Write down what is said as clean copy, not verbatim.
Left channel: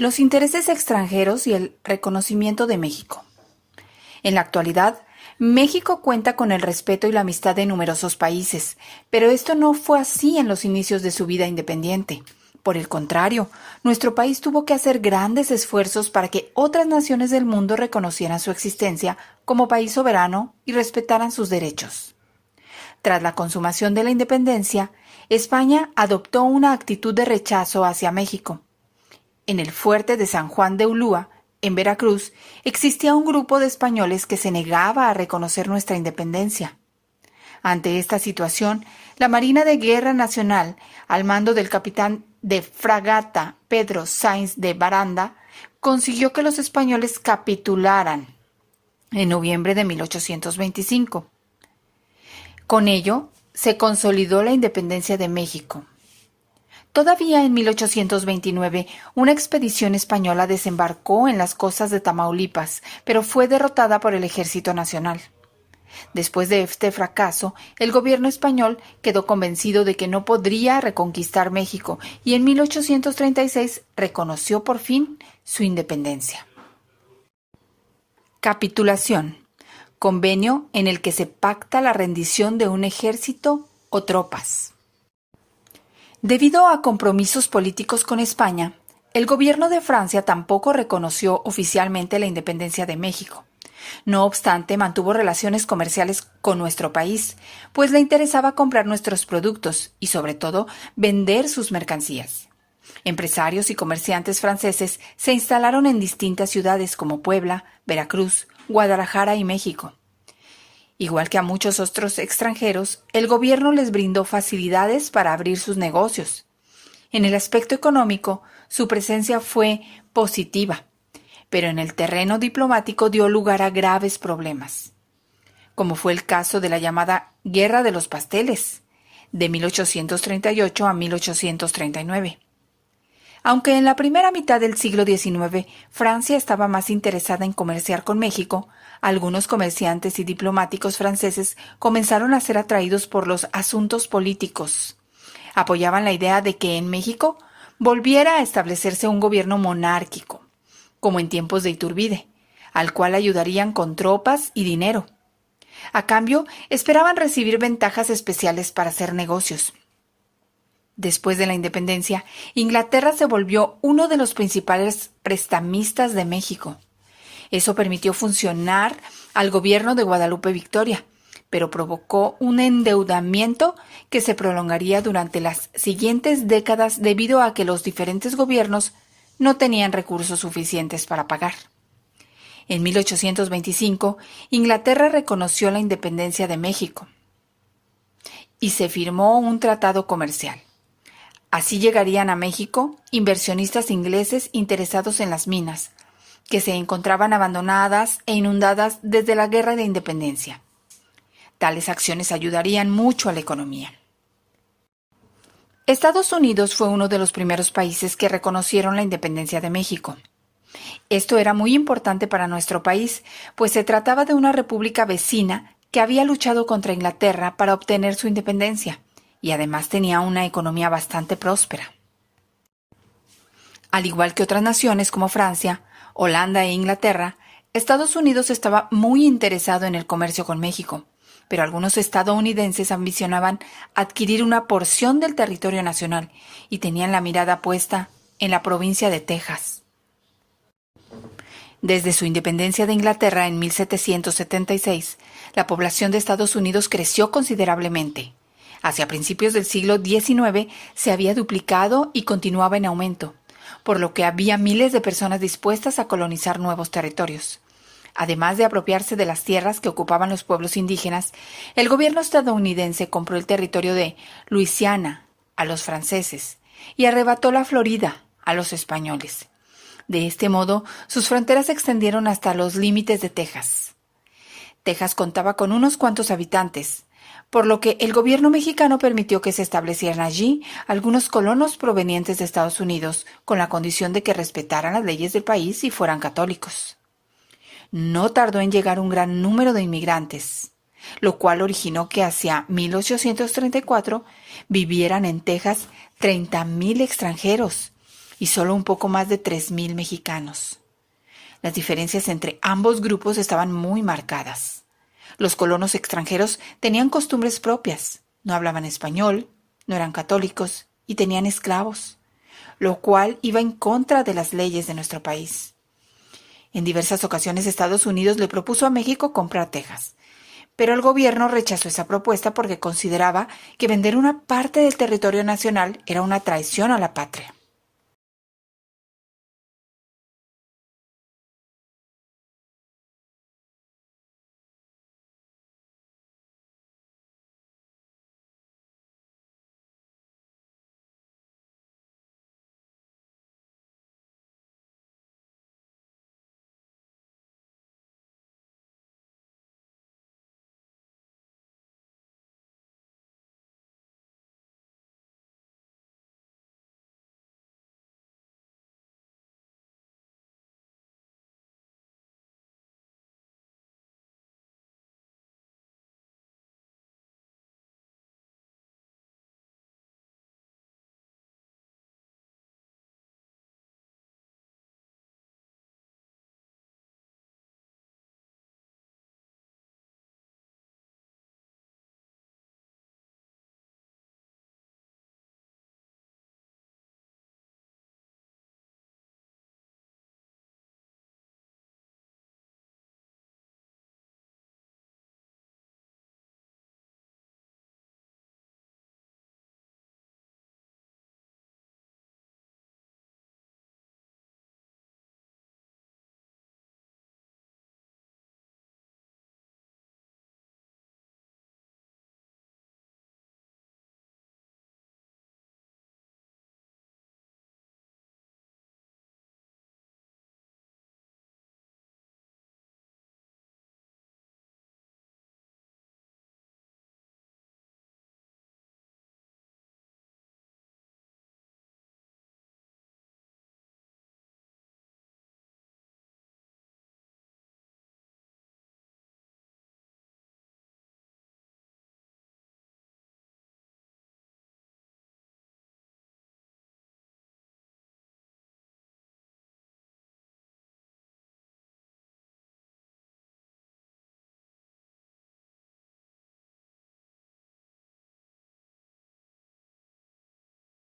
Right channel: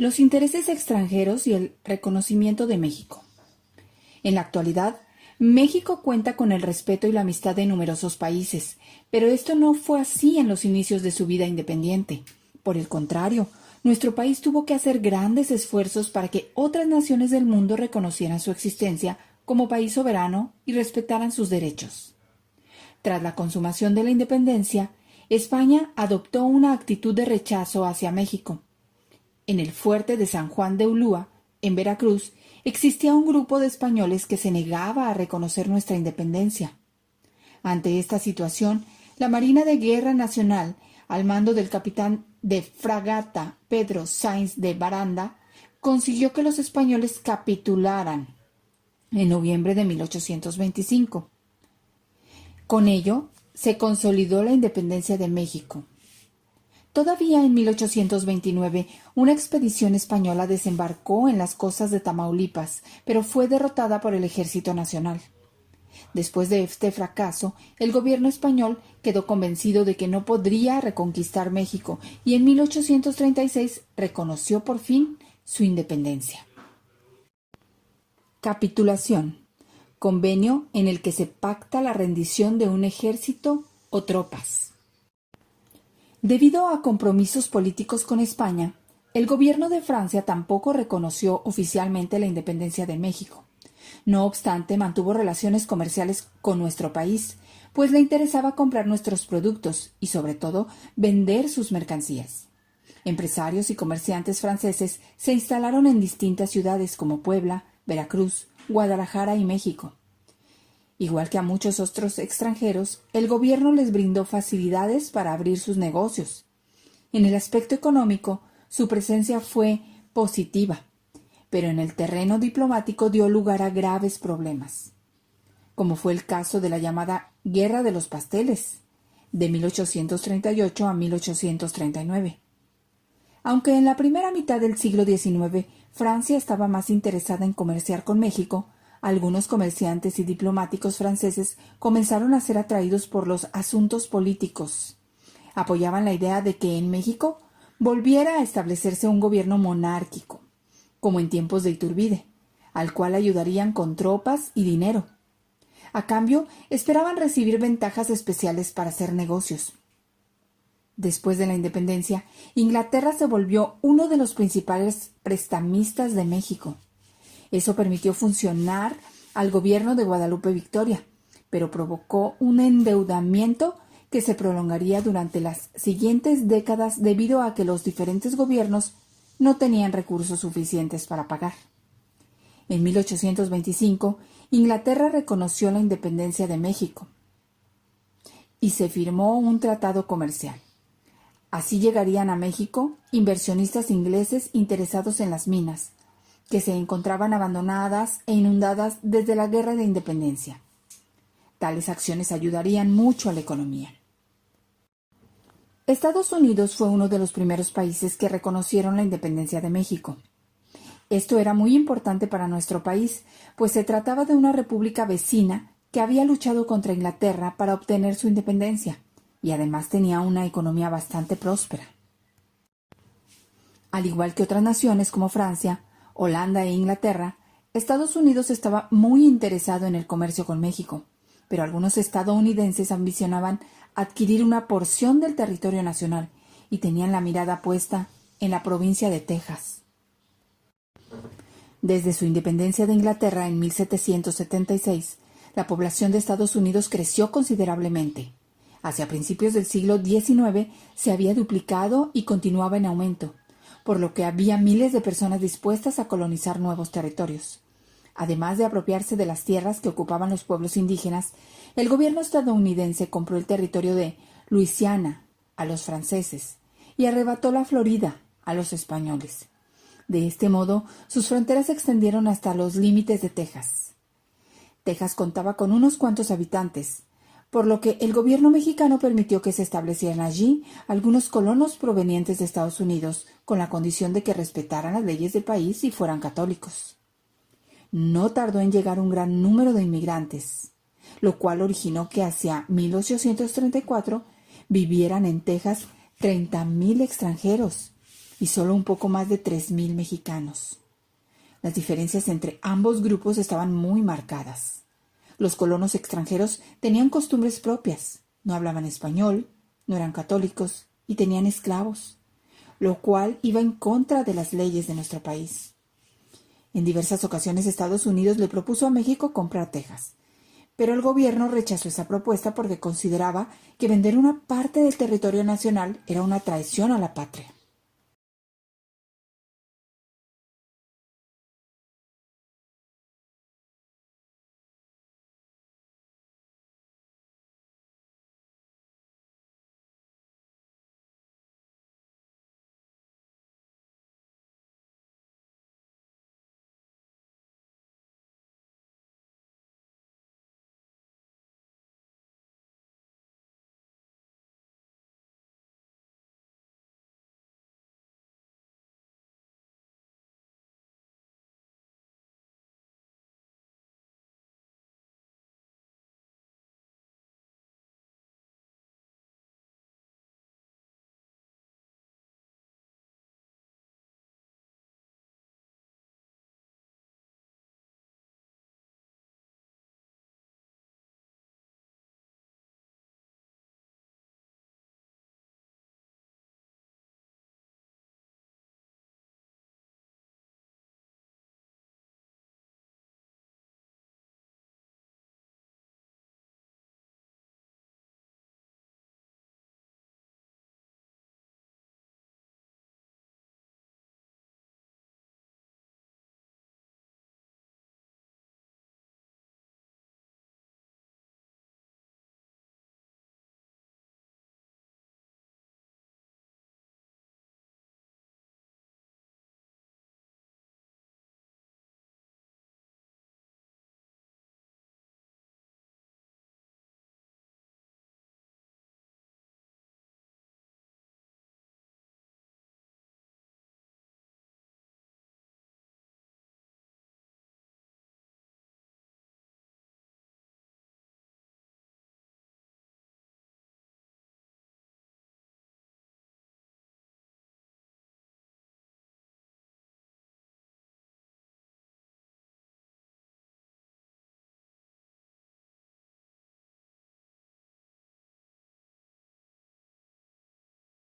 Los intereses extranjeros y el reconocimiento de México. En la actualidad, México cuenta con el respeto y la amistad de numerosos países, pero esto no fue así en los inicios de su vida independiente. Por el contrario, nuestro país tuvo que hacer grandes esfuerzos para que otras naciones del mundo reconocieran su existencia como país soberano y respetaran sus derechos. Tras la consumación de la independencia, España adoptó una actitud de rechazo hacia México. En el fuerte de San Juan de Ulúa, en Veracruz, existía un grupo de españoles que se negaba a reconocer nuestra independencia. Ante esta situación, la Marina de Guerra Nacional, al mando del capitán de fragata Pedro Sainz de Baranda, consiguió que los españoles capitularan en noviembre de 1825. Con ello, se consolidó la independencia de México. Todavía en 1829, una expedición española desembarcó en las costas de Tamaulipas, pero fue derrotada por el Ejército Nacional. Después de este fracaso, el gobierno español quedó convencido de que no podría reconquistar México y en 1836 reconoció por fin su independencia. Capitulación. Convenio en el que se pacta la rendición de un ejército o tropas. Debido a compromisos políticos con España, el gobierno de Francia tampoco reconoció oficialmente la independencia de México. No obstante, mantuvo relaciones comerciales con nuestro país, pues le interesaba comprar nuestros productos y, sobre todo, vender sus mercancías. Empresarios y comerciantes franceses se instalaron en distintas ciudades como Puebla, Veracruz, Guadalajara y México. Igual que a muchos otros extranjeros, el gobierno les brindó facilidades para abrir sus negocios. En el aspecto económico, su presencia fue positiva, pero en el terreno diplomático dio lugar a graves problemas, como fue el caso de la llamada Guerra de los Pasteles, de 1838 a 1839. Aunque en la primera mitad del siglo XIX Francia estaba más interesada en comerciar con México, algunos comerciantes y diplomáticos franceses comenzaron a ser atraídos por los asuntos políticos. Apoyaban la idea de que en México volviera a establecerse un gobierno monárquico, como en tiempos de Iturbide, al cual ayudarían con tropas y dinero. A cambio, esperaban recibir ventajas especiales para hacer negocios. Después de la independencia, Inglaterra se volvió uno de los principales prestamistas de México. Eso permitió funcionar al gobierno de Guadalupe Victoria, pero provocó un endeudamiento que se prolongaría durante las siguientes décadas debido a que los diferentes gobiernos no tenían recursos suficientes para pagar. En 1825, Inglaterra reconoció la independencia de México y se firmó un tratado comercial. Así llegarían a México inversionistas ingleses interesados en las minas, que se encontraban abandonadas e inundadas desde la Guerra de Independencia. Tales acciones ayudarían mucho a la economía. Estados Unidos fue uno de los primeros países que reconocieron la independencia de México. Esto era muy importante para nuestro país, pues se trataba de una república vecina que había luchado contra Inglaterra para obtener su independencia, y además tenía una economía bastante próspera. Al igual que otras naciones como Francia, Holanda e Inglaterra, Estados Unidos estaba muy interesado en el comercio con México, pero algunos estadounidenses ambicionaban adquirir una porción del territorio nacional y tenían la mirada puesta en la provincia de Texas. Desde su independencia de Inglaterra en 1776, la población de Estados Unidos creció considerablemente. Hacia principios del siglo XIX se había duplicado y continuaba en aumento, por lo que había miles de personas dispuestas a colonizar nuevos territorios. Además de apropiarse de las tierras que ocupaban los pueblos indígenas, el gobierno estadounidense compró el territorio de Luisiana a los franceses y arrebató la Florida a los españoles. De este modo, sus fronteras se extendieron hasta los límites de Texas. Texas contaba con unos cuantos habitantes, por lo que el gobierno mexicano permitió que se establecieran allí algunos colonos provenientes de Estados Unidos, con la condición de que respetaran las leyes del país y fueran católicos. No tardó en llegar un gran número de inmigrantes, lo cual originó que hacia 1834 vivieran en Texas 30,000 extranjeros, y solo un poco más de 3,000 mexicanos. Las diferencias entre ambos grupos estaban muy marcadas. Los colonos extranjeros tenían costumbres propias, no hablaban español, no eran católicos y tenían esclavos, lo cual iba en contra de las leyes de nuestro país. En diversas ocasiones Estados Unidos le propuso a México comprar Texas, pero el gobierno rechazó esa propuesta porque consideraba que vender una parte del territorio nacional era una traición a la patria.